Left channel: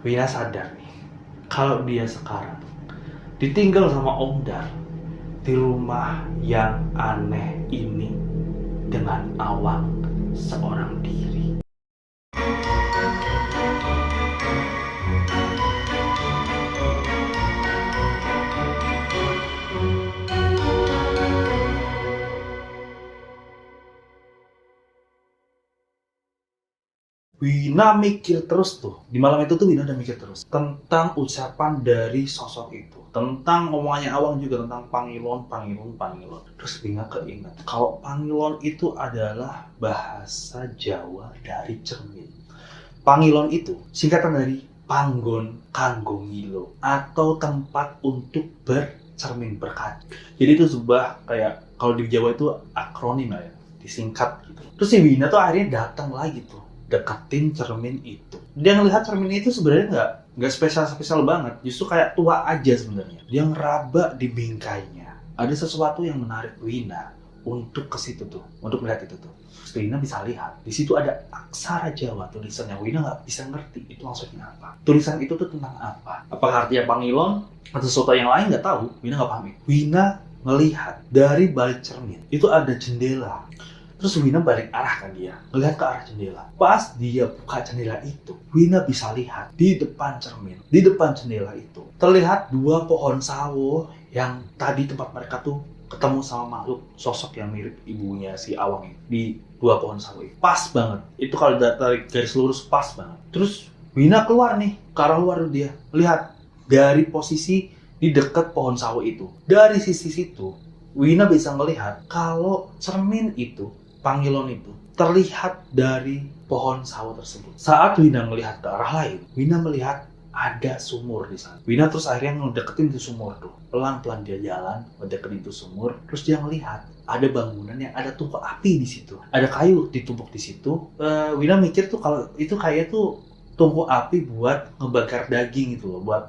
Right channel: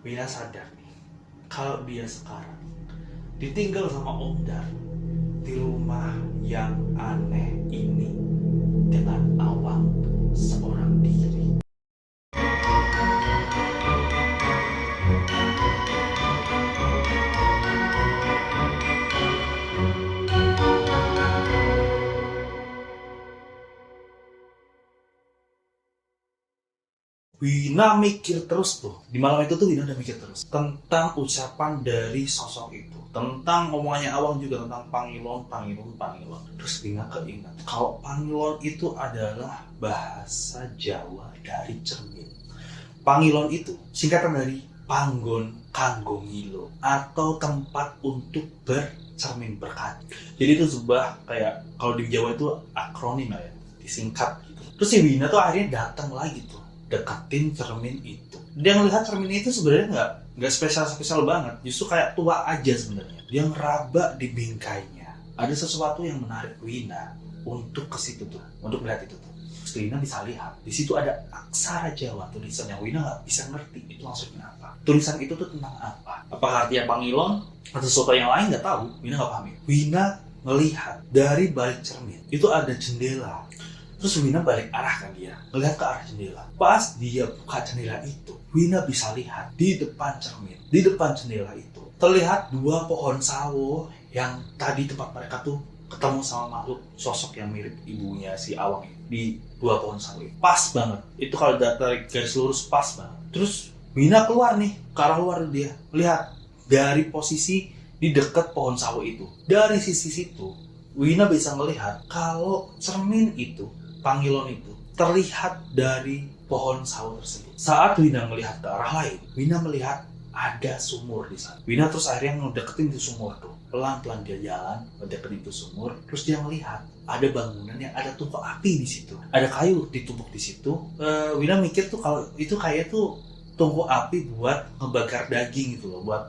Wina sadar nih, kalau dia sekarang ditinggal sama Om Dar di rumah yang aneh ini dengan Awang seorang diri. Wina mikir terus tuh. Di malam itu tuh Wina udah mikir terus tentang ucapan dari sosok itu, tentang omongannya Awang juga tentang Pangilon. Terus Wina keinget kalau Pangilon itu adalah bahasa Jawa dari cermin. Pangilon itu singkatan dari Panggon Kanggo Ngilo atau tempat untuk bercermin berkaca. Jadi itu sebuah kayak kalau di Jawa itu akronim lah ya, disingkat gitu. Terus si Wina tuh akhirnya datang lagi tuh deketin cermin itu. Dia ngelihat cermin itu sebenarnya nggak spesial banget, justru kayak tua aja sebenarnya. Dia ngeraba di bingkainya. Ada sesuatu yang menarik Wina untuk ke situ tuh, untuk melihat itu tuh. Wina bisa lihat di situ ada aksara Jawa tulisan yang Wina nggak bisa ngerti itu maksudnya apa. Tulisan itu tuh tentang apa? Apakah artinya Pangilon atau sesuatu yang lain nggak tahu. Wina nggak paham. Wina melihat dari balik cermin itu ada jendela. Terus Wina balik arah kan dia, ngelihat ke arah jendela. Pas dia buka jendela itu, Wina bisa lihat di depan cermin, di depan jendela itu terlihat dua pohon sawo yang tadi tempat mereka tuh ketemu sama makhluk sosok yang mirip ibunya si Awang ini di dua pohon sawo itu. Pas banget, itu kalau tarik garis lurus pas banget. Terus Wina keluar nih, ke arah luar dia, lihat dari posisi di dekat pohon sawo itu. Dari sisi situ, Wina bisa melihat kalau cermin itu, Pangilon itu terlihat dari pohon sawo tersebut. Saat Wina melihat ke arah lain, Wina melihat ada sumur di sana. Wina terus akhirnya ngedeketin itu sumur tuh. Pelan-pelan dia jalan mendeketin itu sumur. Terus dia melihat ada bangunan yang ada tumpuk api di situ. Ada kayu ditumpuk di situ. Wina mikir tuh kalau itu kayak tuh tungku api buat ngebakar daging gitu loh, buat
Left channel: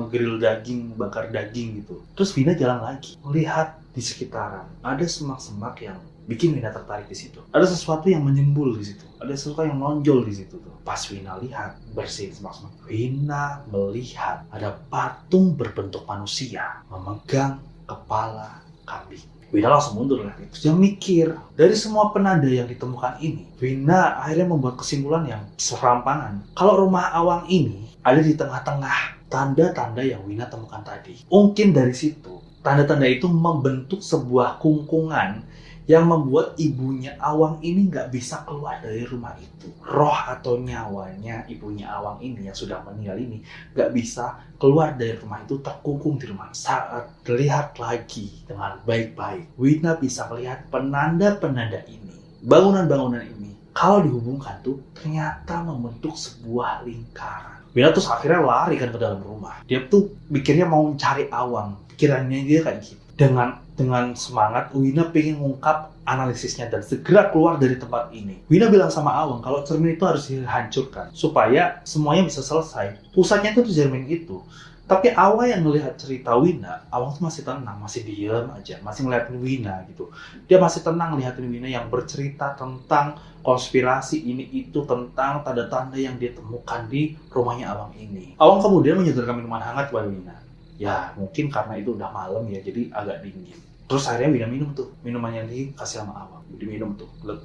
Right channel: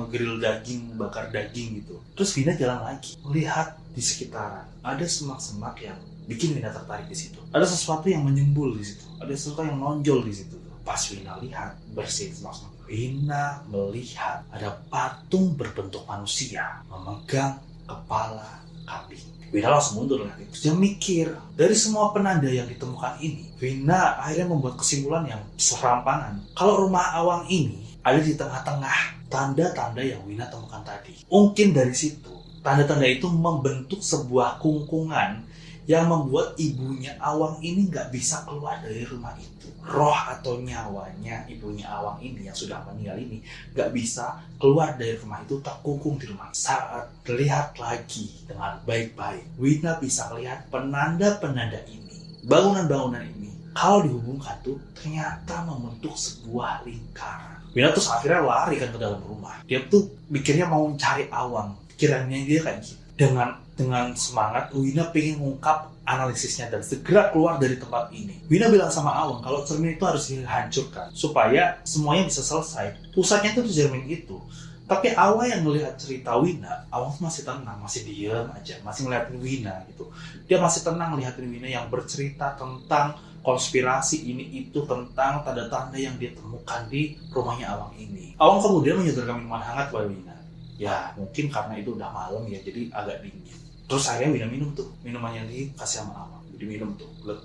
ngegrill daging, bakar daging gitu. Terus Wina jalan lagi, melihat di sekitaran ada semak-semak yang bikin Wina tertarik di situ. Ada sesuatu yang menyembul di situ, ada sesuatu yang menonjol di situ tuh. Pas Wina lihat bersihin semak-semak, Wina melihat ada patung berbentuk manusia memegang kepala kambing. Wina langsung mundur lihat itu. Dia mikir, dari semua penanda yang ditemukan ini, Wina akhirnya membuat kesimpulan yang serampangan. Kalau rumah Awang ini ada di tengah-tengah tanda-tanda yang Wina temukan tadi. Mungkin dari situ, tanda-tanda itu membentuk sebuah kungkungan yang membuat ibunya Awang ini nggak bisa keluar dari rumah itu. Roh atau nyawanya ibunya Awang ini yang sudah meninggal ini nggak bisa keluar dari rumah itu, terkungkung di rumah. Saat lihat lagi dengan baik-baik, Wina bisa melihat penanda-penanda ini, bangunan-bangunan ini, kalau dihubungkan tuh ternyata membentuk sebuah lingkaran. Wina terus akhirnya lari kan ke dalam rumah. Dia tuh mikirnya mau mencari Awang. Pikirannya dia kayak gitu. Dengan semangat, Wina pengen ngungkap analisisnya dan segera keluar dari tempat ini. Wina bilang sama Awang kalau cermin itu harus dihancurkan supaya semuanya bisa selesai. Pusatnya itu cermin itu. Tapi Awang yang melihat cerita Wina, Awang tuh masih tenang, masih diam aja, masih ngeliatin Wina gitu. Dia masih tenang ngeliatin Wina yang bercerita tentang konspirasi ini itu, tentang tanda-tanda yang dia temukan di rumahnya Awang ini. Awang kemudian menyodorkan minuman hangat buat Wina. Ya mungkin karena itu udah malam ya, jadi agak dingin. Terus akhirnya Wina minum tuh minuman yang dikasih sama Awang. Diminum tuh, glek.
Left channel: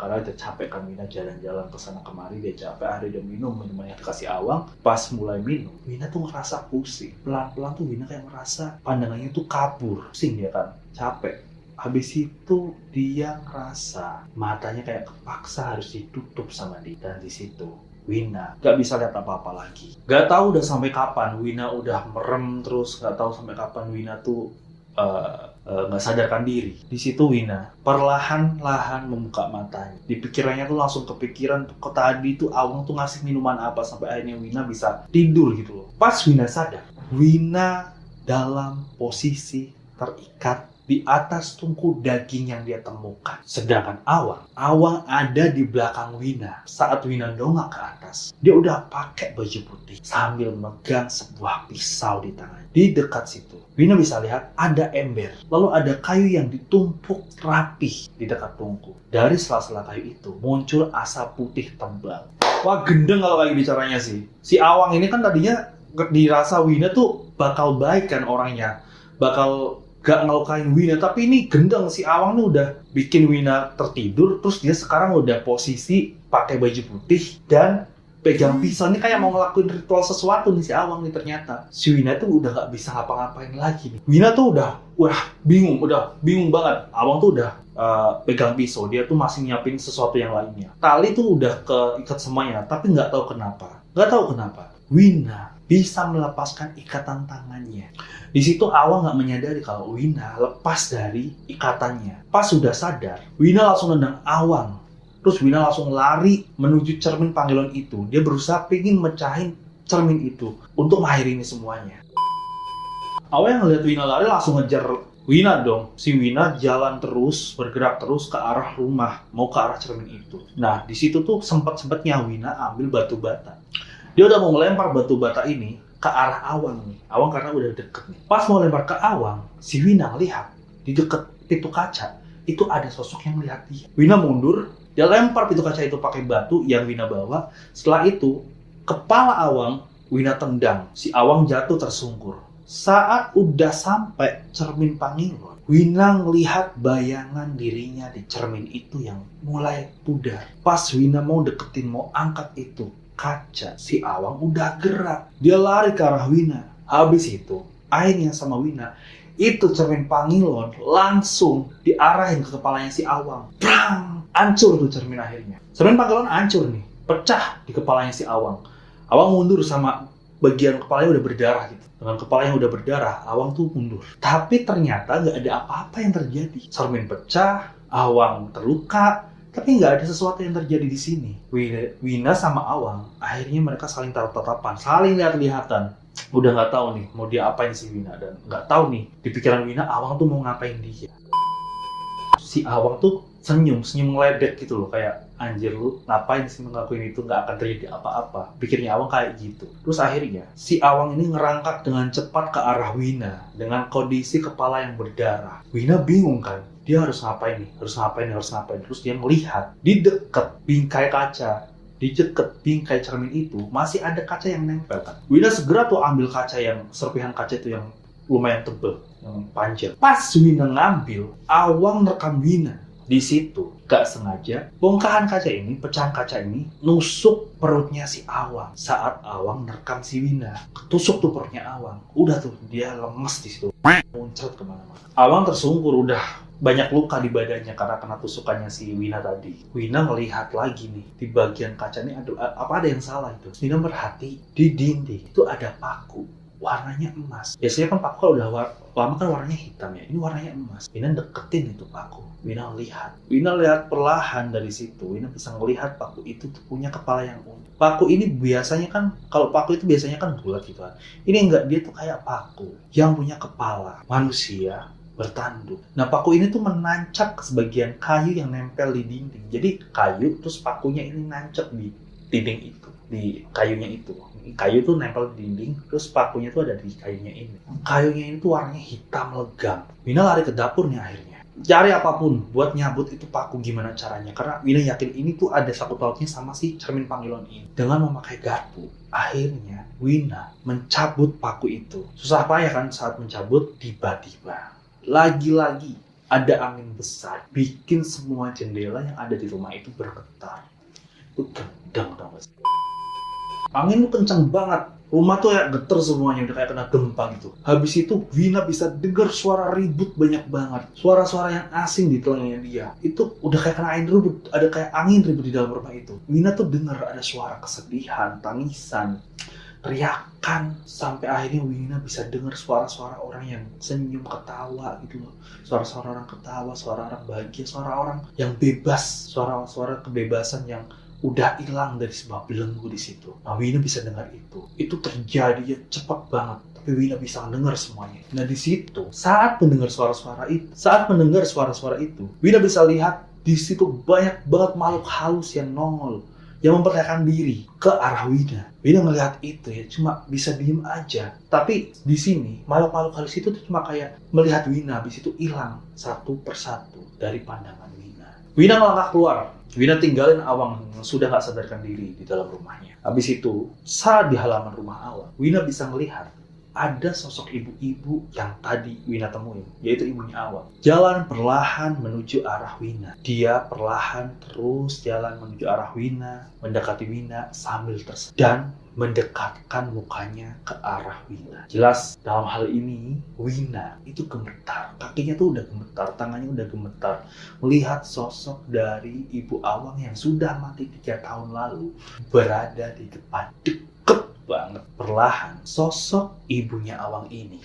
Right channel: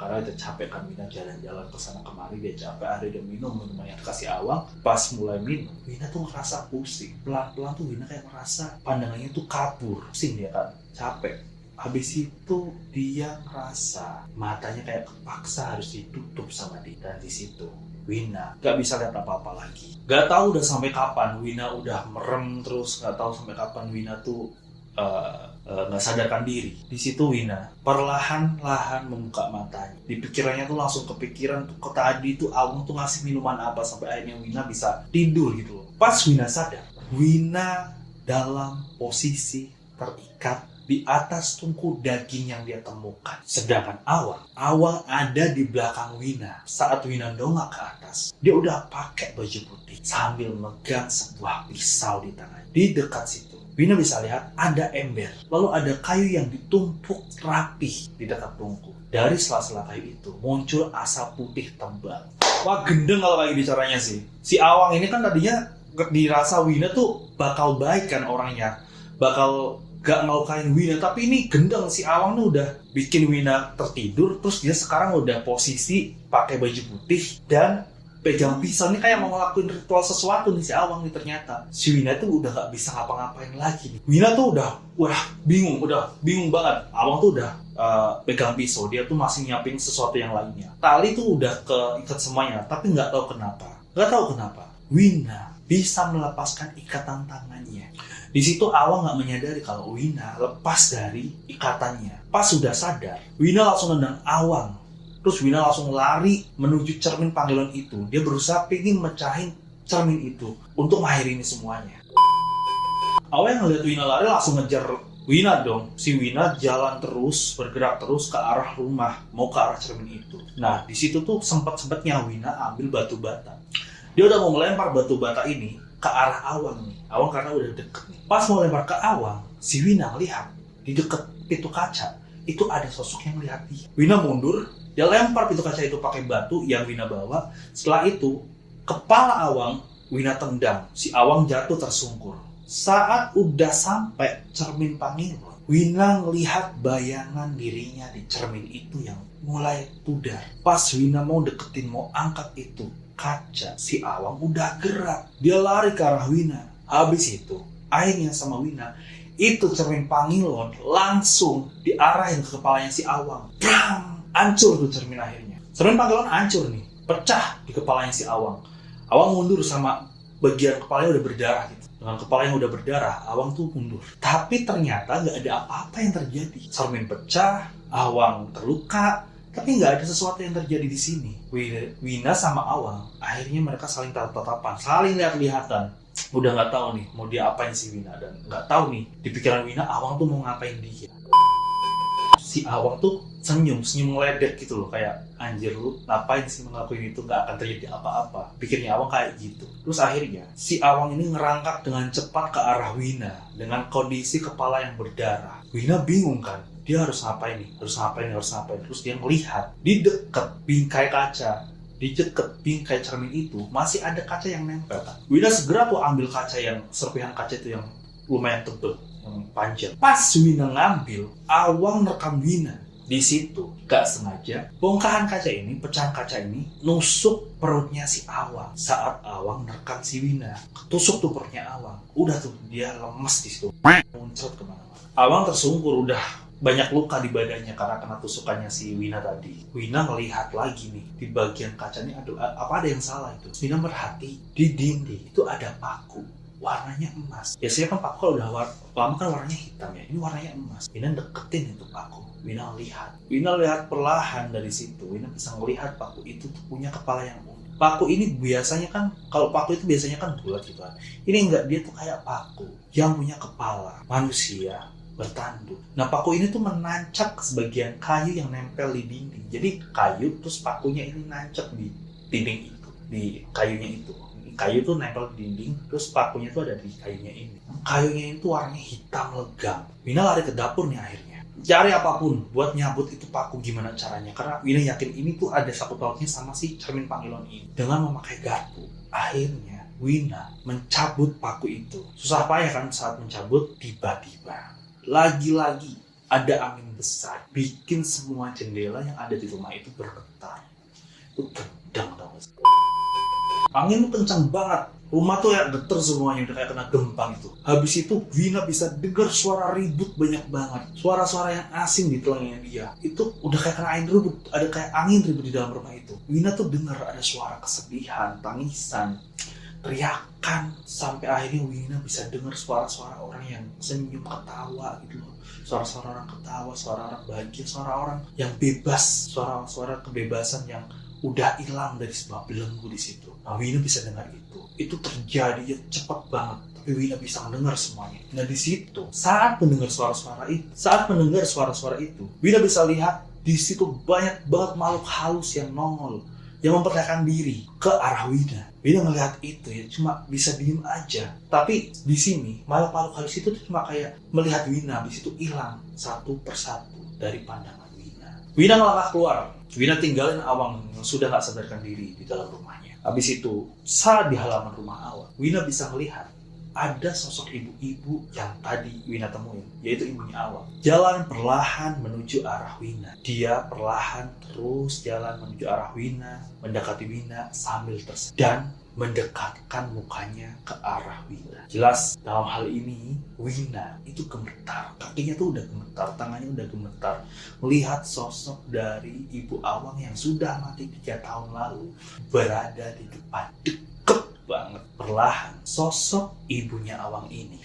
Karena dia capek kan, Wina jalan-jalan kesana kemari, dia capek, akhirnya dia minum minuman yang dikasih Awang. Pas mulai minum, Wina tuh ngerasa pusing. Pelan-pelan tuh Wina kayak ngerasa pandangannya tuh kabur. Pusing dia kan, capek. Habis itu dia ngerasa matanya kayak kepaksa harus ditutup sama dia. Dan di situ Wina gak bisa lihat apa-apa lagi. Gak tahu udah sampai kapan Wina udah merem terus, gak tahu sampai kapan Wina tuh gak sadarkan diri. Di situ Wina perlahan-lahan membuka matanya. Di pikirannya tuh langsung kepikiran tuh tadi tuh Awang tuh ngasih minuman apa sampai akhirnya Wina bisa tidur gitu loh. Pas Wina sadar, Wina dalam posisi terikat di atas tungku daging yang dia temukan. Sedangkan Awang ada di belakang Wina. Saat Wina dongak ke atas, dia udah pakai baju putih sambil megang sebuah pisau di tangan. Di dekat situ, Wina bisa lihat ada ember. Lalu ada kayu yang ditumpuk rapih di dekat tungku. Dari sela-sela kayu itu muncul asap putih tebal. Wah, gendeng kalau kayak bicaranya sih. Si Awang ini kan tadinya dirasa Wina tuh bakal baik kan orangnya, bakal gak ngelukain Wina, tapi ini gendeng. Si Awang tuh udah bikin Wina tertidur, terus dia sekarang udah posisi pakai baju putih dan pegang pisau. Ini kayak mau ngelakuin ritual sesuatu nih si Awang nih. Ternyata si Wina tuh udah gak bisa ngapa-ngapain lagi nih. Wina tuh udah bingung banget. Awang tuh udah pegang pisau, dia tuh masih nyiapin sesuatu yang lainnya. Tali tuh udah keikat semuanya, tapi nggak tahu kenapa Wina bisa melepaskan ikatan tangannya. Di situ Awang nggak menyadari kalau Wina lepas dari ikatannya. Pas sudah sadar, Wina langsung nendang Awang. Terus Wina langsung lari menuju cermin Pangilon itu. Dia berusaha pengen mecahin cermin itu untuk mengakhiri ini semuanya. Awang ngeliat Wina lari langsung ngejar Wina dong. Si Wina jalan terus, bergerak terus ke arah rumah, mau ke arah cermin itu. Nah, di situ tuh sempet-sempetnya Wina ambil batu bata. Dia udah mau melempar batu bata ini ke arah Awang nih. Awang karena udah deket nih. Pas mau lempar ke Awang, si Wina ngelihat di deket pintu kaca itu ada sosok yang melihat dia. Wina mundur, dia lempar pintu kaca itu pakai batu yang Wina bawa. Setelah itu, kepala Awang Wina tendang. Si Awang jatuh tersungkur. Saat udah sampai cermin Pangilon, Wina ngelihat bayangan dirinya di cermin itu yang mulai pudar. Pas Wina mau deketin, mau angkat itu kaca, si Awang udah gerak. Dia lari ke arah Wina. Habis itu, akhirnya sama Wina, itu cermin Pangilon langsung diarahin ke kepalanya si Awang. Brang! Hancur tuh cermin akhirnya. Cermin Pangilon hancur nih, pecah di kepalanya si Awang. Awang mundur sama bagian kepalanya udah berdarah gitu. Dengan kepala yang udah berdarah, Awang tuh mundur. Tapi ternyata nggak ada apa-apa yang terjadi. Cermin pecah, Awang terluka, tapi nggak ada sesuatu yang terjadi di sini. Wina sama Awang, akhirnya mereka saling tatap-tatapan, saling lihat-lihatan. Udah nggak tahu nih mau dia apain si Wina, dan nggak tahu nih di pikiran Wina Awang tuh mau ngapain dia. Si Awang tuh senyum ngeledek gitu loh, kayak anjir lu ngapain sih ngelakuin itu, nggak akan terjadi apa-apa. Pikirnya Awang kayak gitu. Terus akhirnya si Awang ini ngerangkak dengan cepat ke arah Wina dengan kondisi kepala yang berdarah. Wina bingung kan, dia harus ngapain nih, harus ngapain. Terus dia melihat di dekat bingkai kaca, di dekat bingkai cermin itu masih ada kaca yang nempel kan. Wina segera tuh ambil kaca yang serpihan kaca itu yang lumayan tebel, yang panjang. Pas Wina ngambil, Awang rekam Wina. Di situ, gak sengaja, bongkahan kaca ini, pecahan kaca ini, nusuk perutnya si Awang. Saat Awang nerekam si Wina, ketusuk tuh perutnya Awang. Udah tuh, dia lemes di situ, muncrat kemana-mana. Awang tersungkur, udah banyak luka di badannya karena kena tusukannya si Wina tadi. Wina ngelihat lagi nih, di bagian kaca ini, apa ada yang salah itu? Wina merhati, di dinding itu ada paku. Warnanya emas. Biasanya kan paku kalau udah lama kan warnanya hitam ya. Ini warnanya emas. Wina deketin itu paku. Wina lihat perlahan dari situ. Wina bisa ngelihat paku itu tuh punya kepala yang unik. Paku ini biasanya kan, kalau paku itu biasanya kan bulat gitu kan. Ini enggak, dia tuh kayak paku yang punya kepala manusia bertanduk. Nah, paku ini tuh menancap ke sebagian kayu yang nempel di dinding. Jadi kayu terus pakunya ini nancap di dinding itu, di kayunya itu. Kayu tuh nempel di dinding, terus pakunya tuh ada di kayunya ini. Kayunya ini tuh warnanya hitam legam. Wina lari ke dapur nih akhirnya. Cari apapun buat nyabut itu paku, gimana caranya. Karena Wina yakin ini tuh ada sangkut pautnya sama si cermin Pangilon ini. Dengan memakai garpu, akhirnya Wina mencabut paku itu. Susah payah kan saat mencabut, tiba-tiba lagi-lagi ada angin besar, bikin semua jendela yang ada di rumah itu bergetar. Itu gendang tau gak sih? Angin kencang banget, rumah tuh kayak getar semuanya, udah kayak kena gempa gitu. Habis itu Wina bisa dengar suara ribut banyak banget, suara-suara yang asing di telinganya dia. Itu udah kayak kena angin ribut, ada kayak angin ribut di dalam rumah itu. Wina tuh dengar ada suara kesedihan, tangisan, teriakan, sampai akhirnya Wina bisa dengar suara-suara orang yang senyum, ketawa gitu loh. Suara-suara orang ketawa, suara orang bahagia, suara orang yang bebas, suara-suara kebebasan yang udah hilang dari sebuah belenggu di situ. Nah, Wina bisa dengar itu. Itu terjadi ya cepat banget, tapi Wina bisa mendengar semuanya. Nah, di situ saat mendengar suara-suara itu, Wina bisa lihat di situ banyak banget makhluk halus yang nongol, yang memperlihatkan diri ke arah Wina. Wina melihat itu ya cuma bisa diem aja. Tapi di sini makhluk-makhluk halus itu tuh cuma kayak melihat Wina, habis itu hilang satu persatu dari pandangan Wina. Wina melangkah keluar Wina tinggalin Awang yang sudah gak sadarkan diri di dalam rumahnya. Habis itu, saat di halaman rumah Awang, Wina bisa melihat ada sosok ibu-ibu yang tadi Wina temuin, yaitu ibunya Awang. Jalan perlahan menuju arah Wina. Dia perlahan terus jalan menuju arah Wina, mendekati Wina sambil dan mendekatkan mukanya ke arah Wina. Jelas dalam hal ini Wina itu gemetar, kakinya tuh udah gemetar, tangannya udah gemetar melihat sosok dari ibu Awang yang sudah mati 3 tahun lalu berada di depan. Deket banget. Perlahan sosok ibunya Awang ini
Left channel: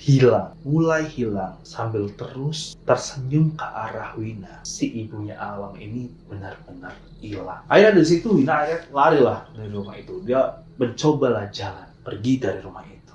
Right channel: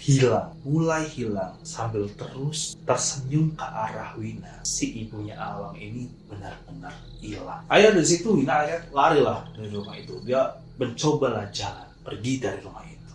mulai hilang sambil terus tersenyum ke arah Wina. Si ibunya Awang ini benar-benar hilang. Akhirnya dari situ Wina larilah dari rumah itu. Dia mencobalah jalan pergi dari rumah itu.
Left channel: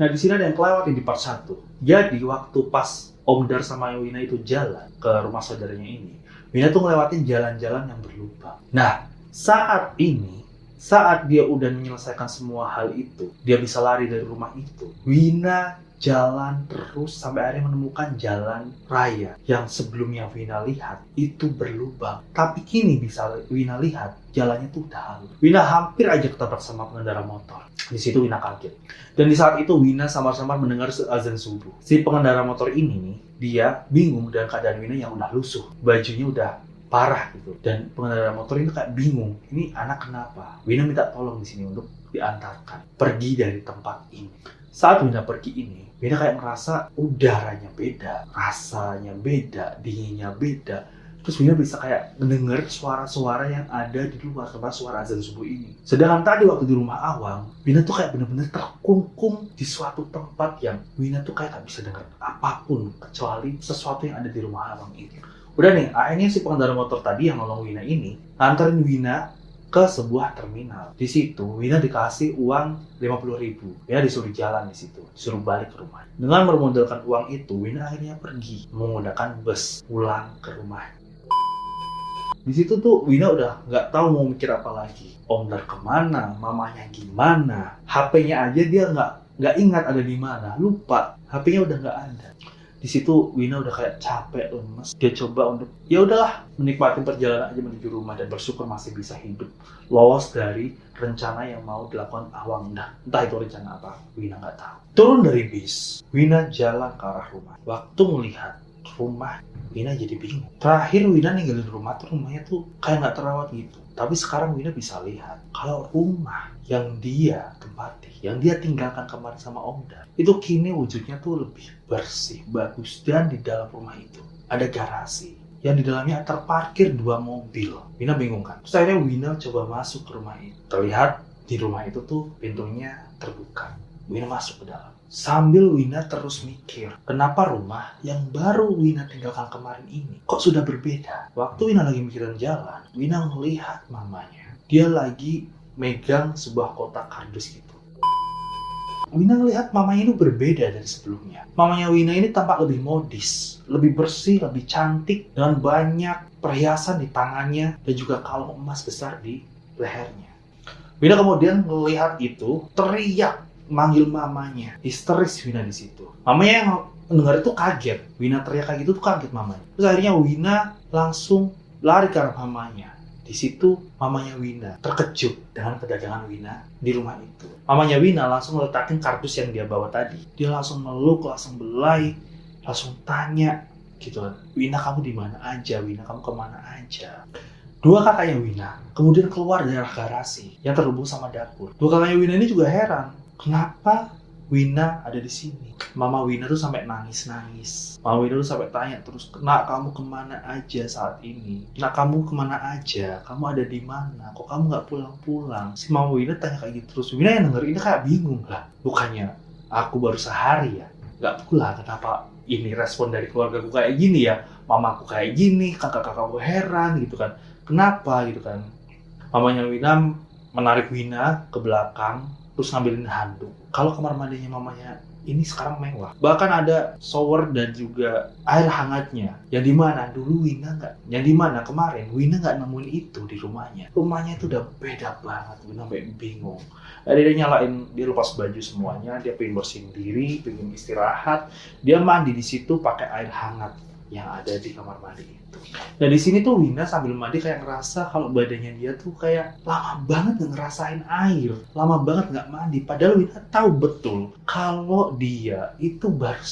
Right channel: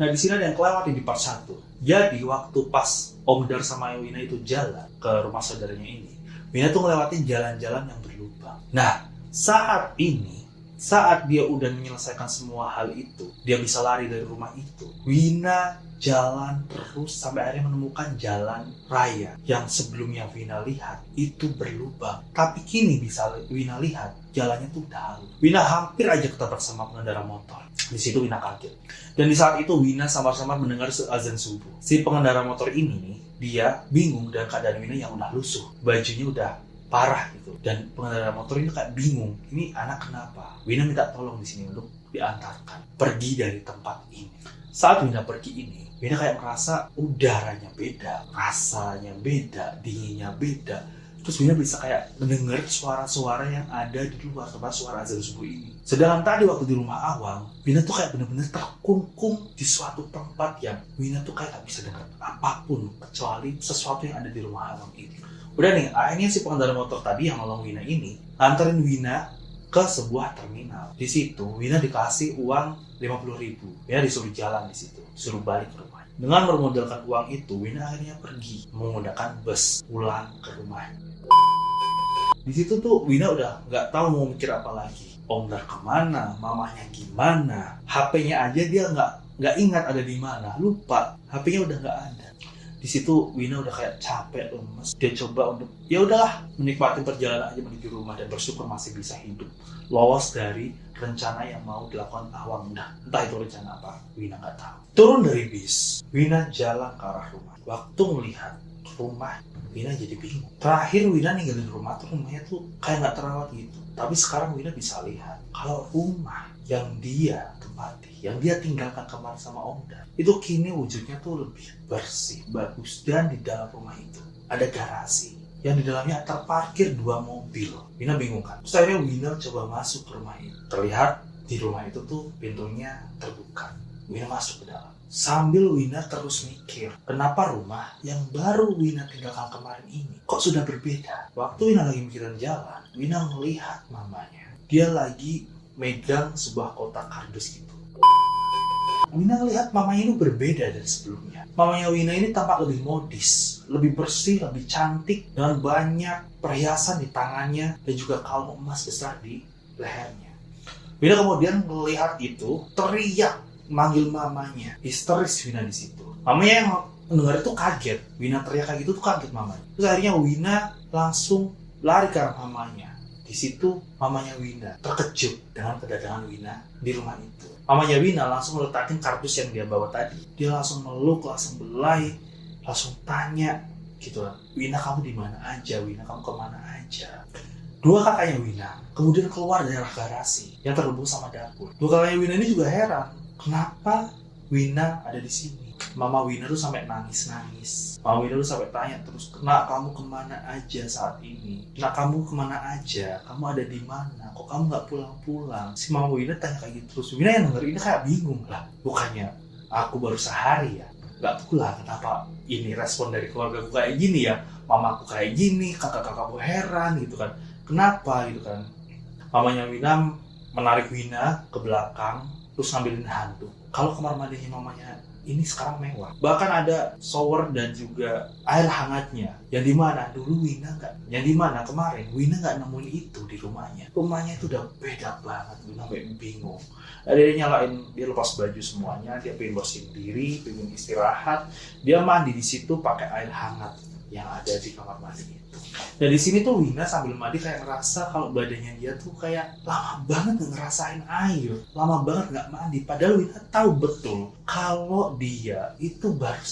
Nah, di sini ada yang kelewat di part 1. Jadi waktu pas Om Dar sama Wina itu jalan ke rumah saudaranya ini, Wina tuh ngelewatin jalan-jalan yang berlubang. Nah, saat dia udah menyelesaikan semua hal itu, dia bisa lari dari rumah itu. Wina jalan terus sampai akhirnya menemukan jalan raya yang sebelumnya Wina lihat itu berlubang. Tapi kini bisa Wina lihat jalannya tuh udah halus. Wina hampir aja ketabrak sama pengendara motor. Di situ Wina kaget. Dan di saat itu Wina samar-samar mendengar azan subuh. Si pengendara motor ini dia bingung dengan keadaan Wina yang udah lusuh. Bajunya udah parah gitu. Dan pengendara motor ini kayak bingung. Ini anak kenapa? Wina minta tolong di sini untuk diantarkan pergi dari tempat ini. Saat Wina pergi ini, Wina kayak merasa udaranya beda, rasanya beda, dinginnya beda. Terus Wina bisa kayak mendengar suara-suara yang ada di luar tempat suara azan subuh ini. Sedangkan tadi waktu di rumah Awang, Wina tuh kayak bener-bener terkungkung di suatu tempat yang Wina tuh kayak gak bisa dengar apapun kecuali sesuatu yang ada di rumah Awang ini. Udah nih, akhirnya si pengendara motor tadi yang nolong Wina ini nganterin Wina ke sebuah terminal. Di situ Wina dikasih uang 50.000. Wina disuruh jalan di situ, disuruh balik ke rumah. Dengan bermodalkan uang itu, Wina akhirnya pergi menggunakan bus pulang ke rumah. Di situ tuh Wina udah nggak tahu mau mikir apa lagi. Om Dar kemana, mamanya gimana, HP-nya aja dia nggak ingat ada di mana, lupa, HP-nya udah nggak ada. Di situ Wina udah kayak capek, lemes. Dia coba untuk ya udahlah menikmati perjalanan aja menuju rumah dan bersyukur masih bisa hidup, lolos dari rencana yang mau dilakukan Awang. Entah itu rencana apa, Wina nggak tahu. Turun dari bis, Wina jalan ke arah rumah. Waktu melihat rumah, Wina jadi bingung. Terakhir Wina ninggalin rumah tuh rumahnya tuh kayak nggak terawat gitu. Tapi sekarang Wina bisa lihat kalau rumah yang dia tempati, yang dia tinggalkan kemarin sama Om Dar, itu kini wujudnya tuh lebih bersih, bagus. Dan di dalam rumah itu ada garasi yang di dalamnya terparkir 2 mobil. Wina bingung kan. Terus akhirnya Wina coba masuk ke rumah itu. Terlihat di rumah itu tuh pintunya terbuka. Wina masuk ke dalam. Sambil Wina terus mikir, kenapa rumah yang baru Wina tinggalkan kemarin ini kok sudah berbeda? Waktu Wina lagi mikirin jalan, Wina melihat mamanya. Dia lagi megang sebuah kotak kardus gitu. Wina ngelihat mamanya itu berbeda dari sebelumnya. Mamanya Wina ini tampak lebih modis, lebih bersih, lebih cantik, dengan banyak perhiasan di tangannya dan juga kalung emas besar di lehernya. Wina kemudian melihat itu, teriak manggil mamanya. Histeris Wina di situ. Mamanya yang mendengar itu kaget. Wina teriak kayak gitu tuh kaget mamanya. Terus akhirnya Wina langsung lari ke arah mamanya. Di situ mamanya Wina terkejut dengan kedatangan Wina di rumah itu. Mamanya Wina langsung letakin kardus yang dia bawa tadi. Dia langsung meluk, langsung belai, langsung tanya gitu kan. Wina kamu di mana aja? Wina kamu kemana aja? 2 kakaknya Wina kemudian keluar dari garasi yang terhubung sama dapur. 2 kakaknya Wina ini juga heran. Kenapa Wina ada di sini? Mama Wina tuh sampai nangis-nangis. Mama Wina tuh sampai tanya terus, "Nak, kamu kemana aja saat ini? Nak, kamu kemana aja? Kamu ada di mana? Kok kamu nggak pulang-pulang?" Si Mama Wina tanya kayak gitu terus. Wina yang denger ini kayak bingung lah. Bukannya aku baru sehari ya nggak pulang, kenapa ini respon dari keluargaku kayak gini ya? Mamaku kayak gini, kakak-kakakku heran gitu kan. Kenapa gitu kan? Mamanya Wina menarik Wina ke belakang terus ngambilin handuk. Kalau kamar mandinya mamanya ini sekarang mewah. Bahkan ada shower dan juga air hangatnya. Yang dimana dulu Wina nggak, yang dimana kemarin Wina nggak nemuin itu di rumahnya. Rumahnya itu udah beda banget. Wina sampai bingung. Dia nyalain, dia lepas baju semuanya, dia pengen bersihin diri, pengen istirahat. Dia mandi di situ pakai air hangat yang ada di kamar mandi itu. Dan di sini tuh Wina sambil mandi kayak ngerasa kalau badannya dia tuh kayak lama banget gak ngerasain air, lama banget gak mandi. Padahal Wina tahu betul kalau dia itu baru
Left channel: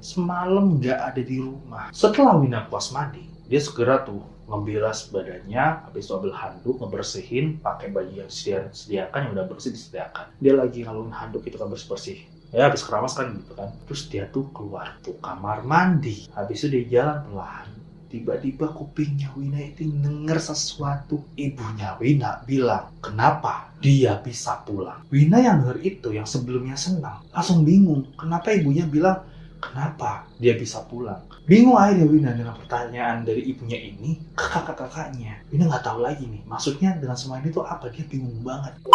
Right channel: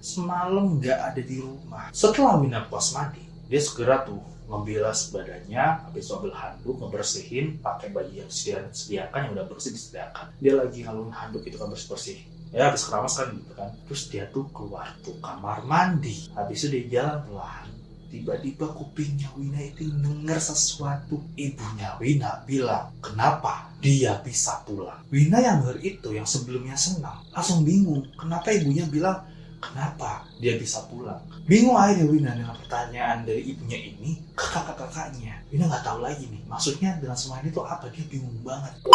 semalam gak ada di rumah. Setelah Wina puas mandi, dia segera tuh ngebilas badannya, habis itu ambil handuk, ngebersihin, pakai baju yang disediakan, yang udah bersih disediakan. Dia lagi ngalungin handuk itu kan bersih-bersih. Ya habis keramas kan gitu kan. Terus dia tuh keluar tuh kamar mandi. Habis itu dia jalan pelan. Tiba-tiba kupingnya Wina itu denger sesuatu. Ibunya Wina bilang, kenapa dia bisa pulang? Wina yang denger itu, yang sebelumnya senang, langsung bingung. Kenapa ibunya bilang, kenapa dia bisa pulang? Bingung akhirnya Wina dengan pertanyaan dari ibunya ini ke kakak-kakaknya. Wina nggak tahu lagi nih, maksudnya dengan semua ini tuh apa, dia bingung banget.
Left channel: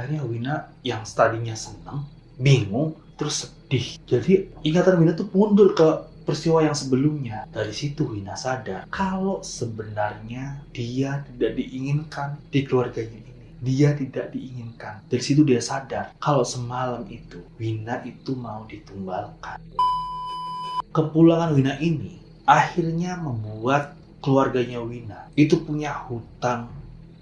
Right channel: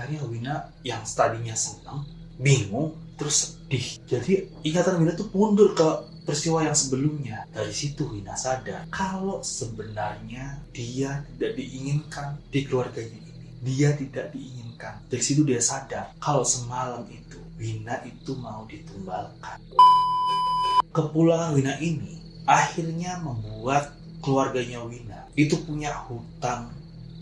Akhirnya Wina yang tadinya senang, bingung, terus sedih. Jadi ingatan Wina tuh mundur ke peristiwa yang sebelumnya. Dari situ Wina sadar kalau sebenarnya dia tidak diinginkan di keluarganya ini. Dia tidak diinginkan. Dari situ dia sadar kalau semalam itu Wina itu mau ditumbalkan. Kepulangan Wina ini akhirnya membuat keluarganya Wina itu punya hutang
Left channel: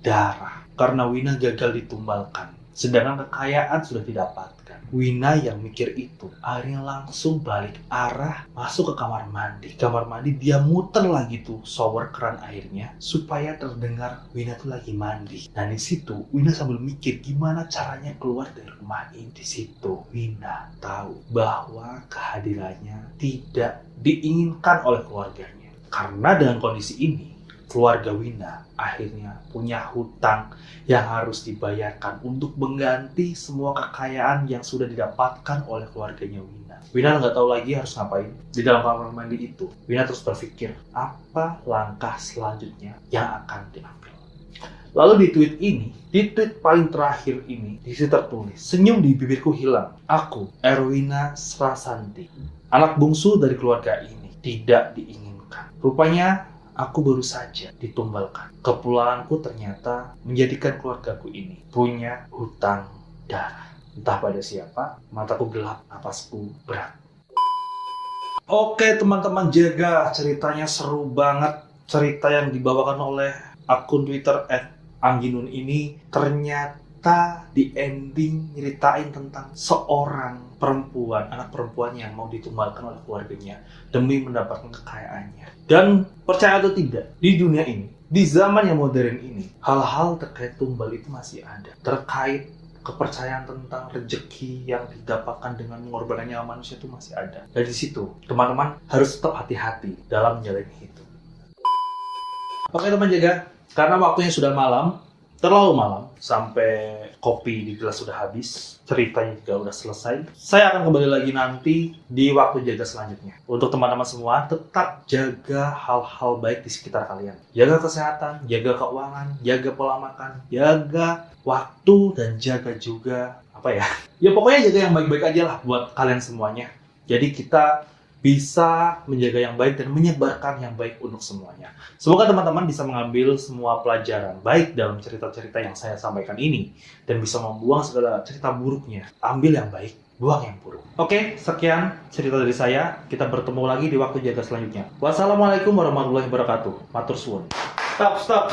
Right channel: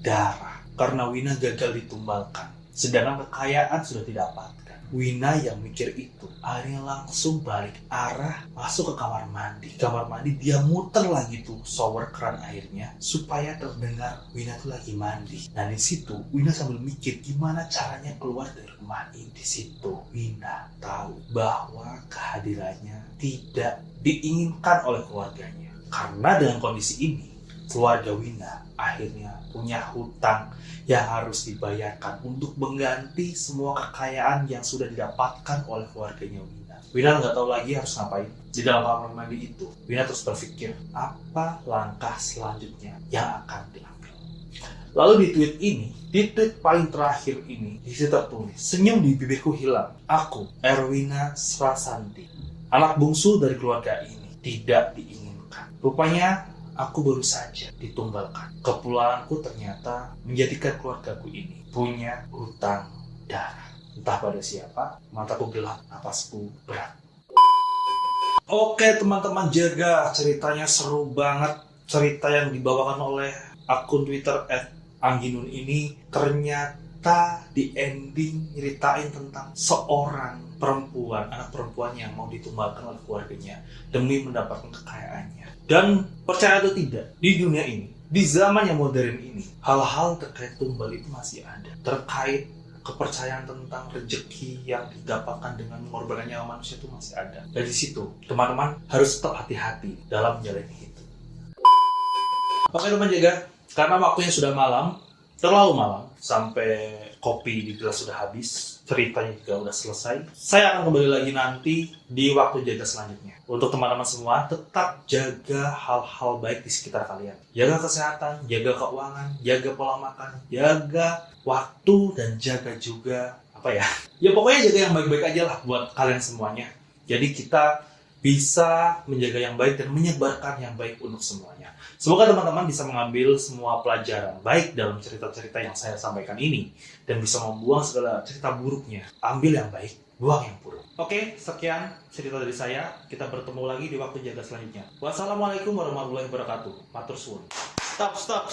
darah karena Wina gagal ditumbalkan. Sedangkan kekayaan sudah didapatkan. Wina yang mikir itu akhirnya langsung balik arah masuk ke kamar mandi. Kamar mandi dia muter lagi tuh shower keran airnya supaya terdengar Wina tuh lagi mandi. Dan di situ Wina sambil mikir gimana caranya keluar dari rumah ini. Di situ Wina tahu bahwa kehadirannya tidak diinginkan oleh keluarganya. Karena dengan kondisi ini keluarga Wina akhirnya punya hutang yang harus dibayarkan untuk mengganti semua kekayaan yang sudah didapatkan oleh keluarganya Wina. Wina nggak tahu lagi harus ngapain di dalam kamar mandi itu. Wina terus berpikir apa langkah selanjutnya yang akan diambil. Lalu di tweet paling terakhir ini, di situ tertulis, senyum di bibirku hilang. Aku, Erwina Srasanti, anak bungsu dari keluarga ini, tidak diinginkan. Rupanya aku baru saja ditumbalkan. Kepulanganku ternyata menjadikan keluargaku ini punya hutang darah. Entah pada siapa, mataku gelap, napasku berat. Oke teman-teman, jaga ceritanya seru banget. Cerita yang dibawakan oleh akun Twitter @angginun ini ternyata di ending nyeritain tentang seorang perempuan, anak perempuan yang mau ditumbalkan oleh keluarganya demi mendapatkan kekayaannya. Dan percaya atau tidak, di dunia ini, di zaman yang modern ini, hal-hal terkait tumbal itu masih ada. Terkait kepercayaan tentang rezeki yang didapatkan dengan mengorbankan nyawa manusia itu masih ada. Dari situ, teman-teman harus tetap hati-hati dalam menjalani hidup. Oke teman jaga, karena waktunya sudah malam, terlalu malam, sampai kopi di gelas sudah habis, ceritanya juga udah selesai. Saya akan kembali lagi nanti di waktu jaga selanjutnya. Untuk teman-teman semua, tetap jaga hal-hal baik di sekitar kalian. Jaga kesehatan, jaga keuangan, jaga pola makan, jaga waktu, dan jaga juga ya pokoknya jaga yang baik-baik aja lah buat kalian semuanya. Jadi kita bisa menjaga yang baik dan menyebarkan yang baik untuk semuanya. Semoga teman-teman bisa mengambil semua pelajaran baik dalam cerita-cerita yang saya sampaikan ini dan bisa membuang segala cerita buruknya. Ambil yang baik, buang yang buruk. Oke, sekian cerita dari saya. Kita bertemu lagi di waktu jaga selanjutnya. Wassalamualaikum warahmatullahi wabarakatuh. Matur suwun. Stop.